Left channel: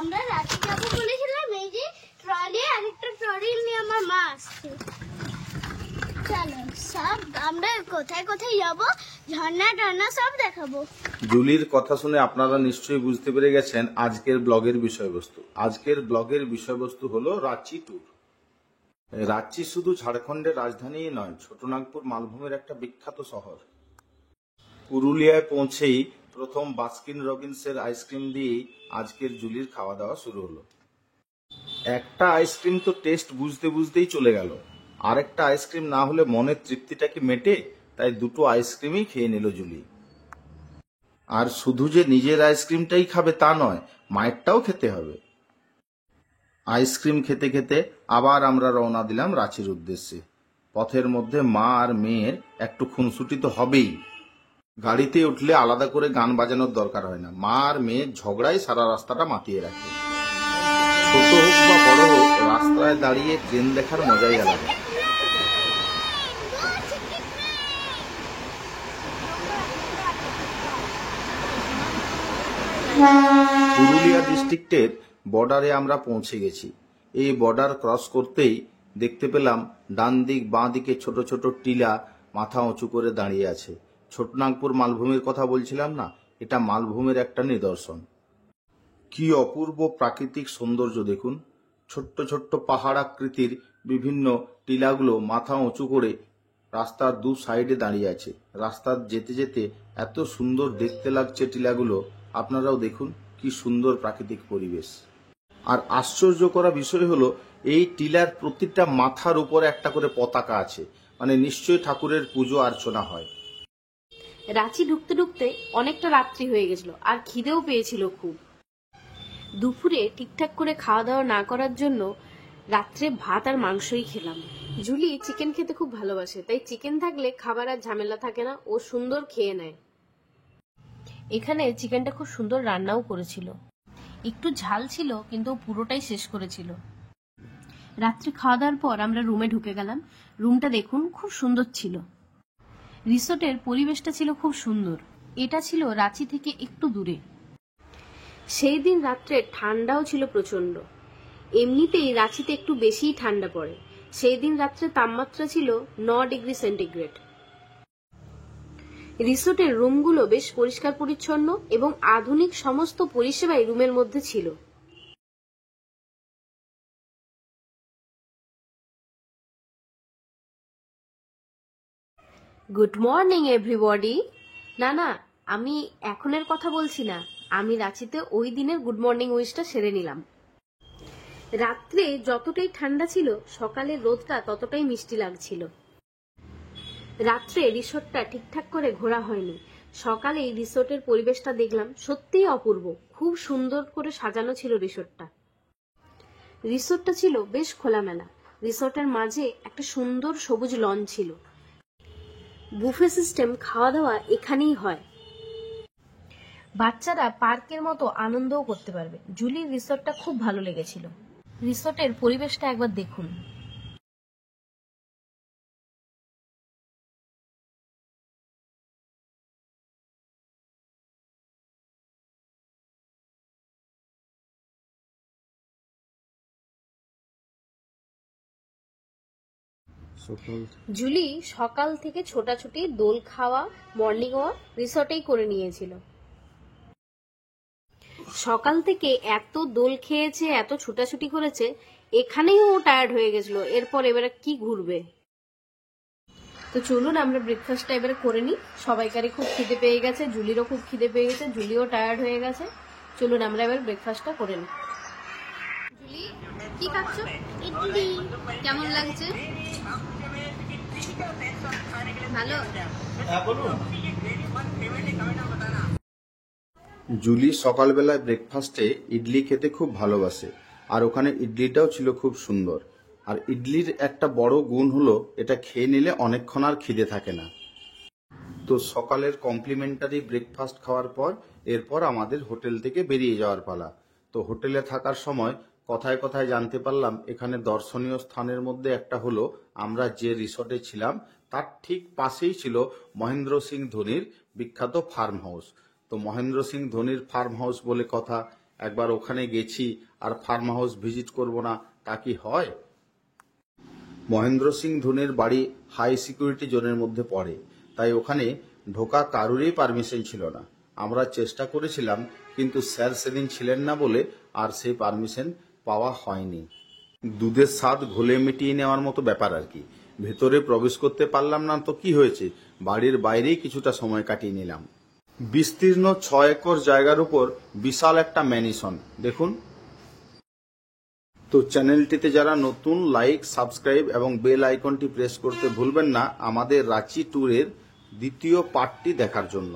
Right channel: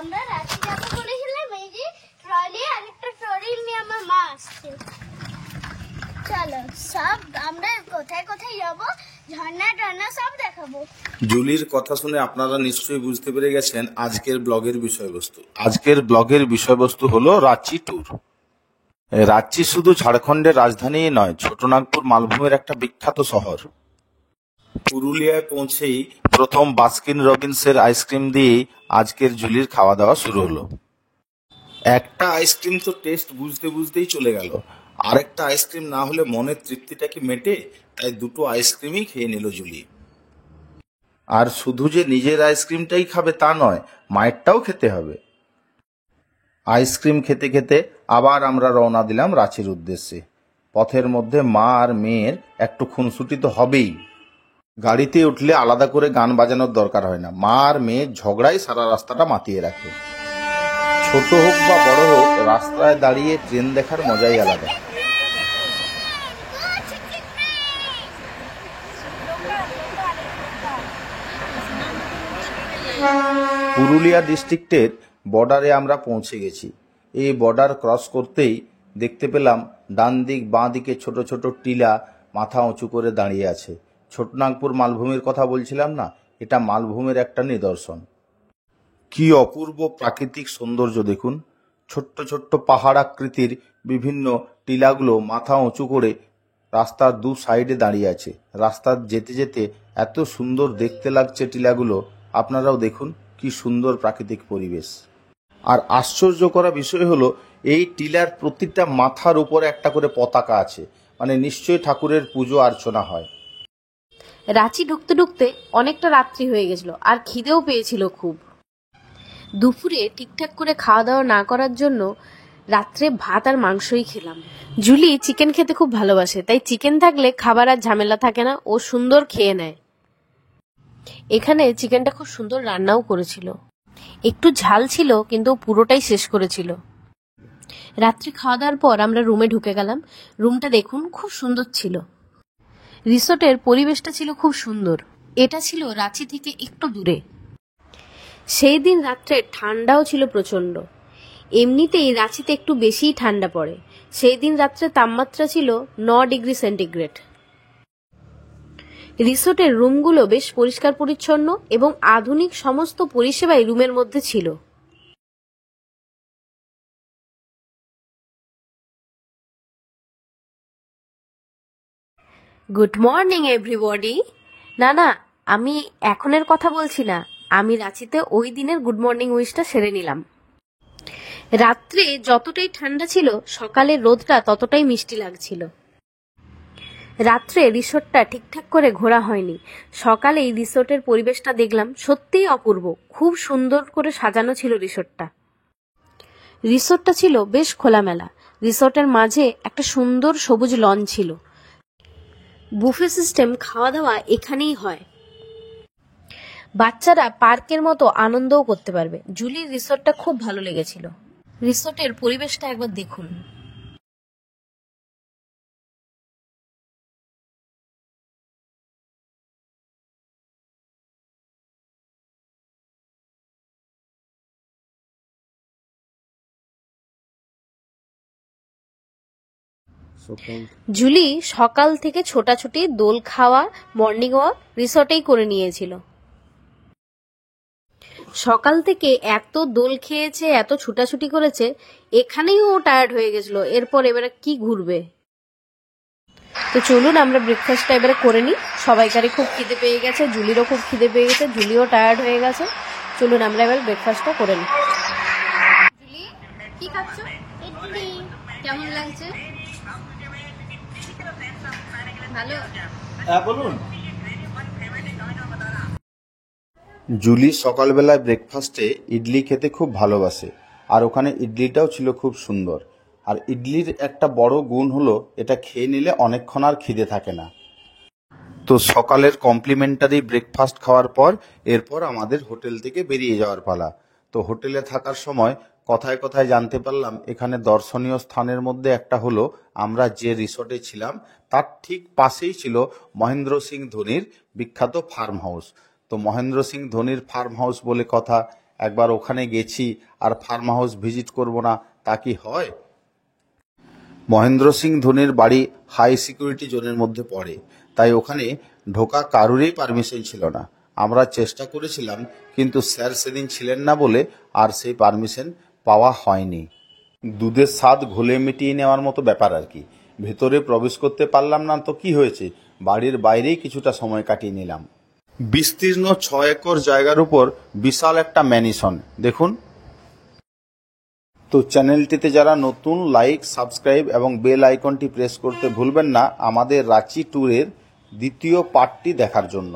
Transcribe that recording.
আমরা রাতে যাবো বলেছিলাম, এই যে ট্রলি আর একটা ট্রলি নিয়ে আমার মা আসছে। চলো সব আমরা কোথায় কোথায় যাবো, ঝর্ণা টর্ণা সব দেখাবো। জুলির কথা শুনে আপনারা নিশ্চয়ই বুঝতে পেরে গেছেন আজকের ব্লগের বিষয়বস্তু। আজকের ব্লগের বিষয়বস্তু হলো রাঁচি ট্যুর। রাঁচি শুধু ঝাড়খণ্ডের রাজধানী নয়, ছোটনাগপুর মালভূমের একটা বিখ্যাত শহর। পুরুলিয়ায় পৌঁছেই প্রথম বাস্কিন রবিন্সের আইসক্রিম দিয়েই আজকের জুলির খাওয়া দাওয়া শুরু হলো। একটা আইসক্রিম তো টেস্ট বুঝতে বুঝতেই চলে গেল, আরেকটা আইসক্রিম না হলে মনের তৃপ্তিটা কি মেটে? তাই দুটো আইসক্রিমই খেয়ে নিল জুলি। আর শুধু যে নিজের আইসক্রিমটাই খাবে তা নয়, মায়েরটাও খেতে হবে। আইসক্রিম খেতে খেতে আবার আমরা রওনা দিলাম রাঁচির উদ্দেশ্যে। পথের মধ্যে মা আর মেয়ের একটু খুনসুটি তো হবেই। গাড়িতে উঠলে আলাদা করে গান বাজানোর দরকার হয় না, মা আর মেয়ের ঝগড়াই সারা রাস্তাটা মাতিয়ে রাখে। ছোট হোক বা বড় হোক, রাস্তায় দাঁড়িয়ে ট্রেন দেখার মজাই আলাদা। পুরুলিয়া ডিস্ট্রিক্টের বর্ডারে আমরা পৌঁছে গেছি। এই বর্ডার ক্রস করতেই দেখতে পেলাম ডান দিক বাঁ দিকে ছোট ছোট টিলা মাথা উঁচু করে দাঁড়িয়ে আছে। ছোটনাগপুর মালভূমির কথা বলছিলাম না, এটা মালভূমির একটা নিদর্শন। কি অপূর্ব প্রাকৃতিক সৌন্দর্য দেখুন! ছোট্ট ছোট্ট পাহাড় আকৃতির বিভিন্ন টিলাগুলো মাথা উঁচু করে রাস্তার দু সাইডে দাঁড়িয়ে আছে। রাস্তার যেতে যেতে এত সুন্দর দেখতে লাগছে টিলাগুলো, আপনারাও দেখুন কি সুন্দর প্রাকৃতিক পরিবেশ। আর আশ্চর্য করা বিষয় হলো, এই টিলার প্রতিটা মাথার উপরে একটা করে পতাকা আছে, মানে নিশ্চয়ই ঠাকুরের পুজো অর্চনা হয়। রাঁচি ঢুকতে ঢুকতে অনেকটা রাত্রি হয়ে গেছিল, আর খিদেও পেয়েছিল খুব। দুপুরে ঠিকঠাক করে খাওয়া দাওয়া না করার জন্য রাত্রে ভাত আর মাংসই খেলাম। জুলি চিকেন খেতে খুব ভালোবাসে, তাই চিকেন থাকলে খাবার আর ঝামেলা থাকে না, ও সুন্দর খেয়ে নেয়। এখানে চিকেনটা খুব সুন্দর রান্নাও করেছিল, একটু ঝাল ছিল কিন্তু পুরোটাই শেষ করেছিল। রাত্রি খাওয়া দাওয়ার পর আমরা রুমে ঢুকে গেলাম। রুমটা দেখুন খুব সুন্দর ছিল। রিসোর্টের পরিবেশটা ছিল খুব সুন্দর। এটা ছিল রাঁচি থেকে একটু দূরে। সেই দিন রাত্রে ঠান্ডাও ছিল প্রচন্ড। এমনিতেই রাঁচিতে একটু বেশিই ঠান্ডা পড়ে। সেই দিন রাত্রে তাপমাত্রা ছিল 9 ডিগ্রি সেন্টিগ্রেড। রিসোর্টের রুমগুলো বেশ পরিষ্কার পরিচ্ছন্ন এবং আধুনিক সমস্ত পরিষেবাই রুমের মধ্যে ছিল। Good morning everybody. না, আমি এখনের কথা বলছি না, আমি রাঁচিতে ওই দিনের গুড মর্নিং উইশটা সেরে নিলাম। রাত্রে যতটাই ঠান্ডা ছিল, সকালের রোদটা ততটাই মিষ্টি লাগছিল। রাত্রে রিসোর্টটা ঠিকঠাক করে ঘোরা হয়নি। সকালেই রিসোর্টের পরিবেশটা দেখলাম, সত্যিই অপূর্ব। খুব সুন্দর করে সাজানো ছিল রিসোর্টটা। রিসোর্টটা ছিল বেশ খোলামেলা। রিসোর্টের মাঝে একটা সুন্দর সবুজ লন ছিল। বুফে সিস্টেম খাওয়া দাওয়া এখানেই হয়। বাচ্চারা পার্কের মতো আনন্দও করতে পারবে। জুলির রিসোর্টটা খুব ভালো লেগেছিল। রিসোর্টের পরিবেশটা একবার দেখুন। জুলি সকাল থেকে ছোটাছুটি, দোল খাওয়া, মর্নিং ওয়াক রিসোর্টেই করে নিয়েছিল। সকাল থেকে এত দোল খেয়েছে, এত ছুটাছুটি করেছে, এখানেই ও টায়ার্ড হয়ে গেছিল। এবারে কি ঘুরবে। তো চলুন আমরা ব্রেকফাস্টটা এবারে করে নিই। সবাইকারই খুব খিদে পেয়ে গেছে, জুলিরও খুব খিদে পেয়ে গেছে, জুলিও টায়ার্ড হয়ে গেছে। চলুন আমরা এবার ব্রেকফাস্টটা করে নিই। জুলি কি খাচ্ছ? ইডলি। কেমন লাগছে? ভালো? হ্যাঁ বলুন। জুলি সকালবেলায় ব্রেকফাস্টে ইডলি খেতে খুব ভালোবাসে, আর ওখানে ইডলিটাও ছিল খুব সুন্দর। আর ইডলির একটা বড় গুণ হলো, এটা খেয়ে নিলে অনেকক্ষণ আর খিদে থাকে না। তো সকালের কমপ্লিমেন্টারি ব্রেকফাস্ট খাওয়ার পর এরপর আমাদের হোটেল থেকে বেরিয়ে যাওয়ার পালা। তো হোটেলে থাকার সময় কথায় কথায় জানতে পারলাম, এখানে দর্শনীয় স্থানের মধ্যে একটা হলো, আমরা যে রিসোর্টে ছিলাম তার ঠিক পাশেই ছিল মহেন্দ্র সিং ধোনির বিখ্যাত ফার্ম হাউস। তো মহেন্দ্র সিং ধোনির ফার্ম হাউস বলে কথা, একবার ওখানে গেছি আর ফার্ম হাউস ভিজিট করব না, তা কি হয়? মহেন্দ্র সিং ধোনির বাড়ি হাই সিকিউরিটি জোনের মধ্যে পড়ে, তাই ওখানে ঢোকা কারুরই পারমিশন ছিল না। আমরা চেষ্টা করেছিলাম, কিন্তু স্যার সেদিন ছিলেন না বলে আর সেই পারমিশন পাওয়া হয়নি। দুধের স্বাদ ঘোলে মিটিয়ে নেওয়ার মতো ব্যাপার আর কি। ভেতরে প্রবেশ করতে পারলাম না তো কি হয়েছে, বাড়ির বাইরেই কিছুটা সময় কাটিয়ে নিলাম। বিস্তীর্ণ 6 একর জায়গার উপর বিশাল একটা ম্যানশন দেখুন। তো চ্যানেলটিতে যারা নতুন, লাইক, সাবস্ক্রাইব এবং বেল আইকনটি প্রেস করতে ভুলবেন না আমাদের রাঁচি ট্যুরের দ্বিতীয় পার্টটি দেখার জন্য।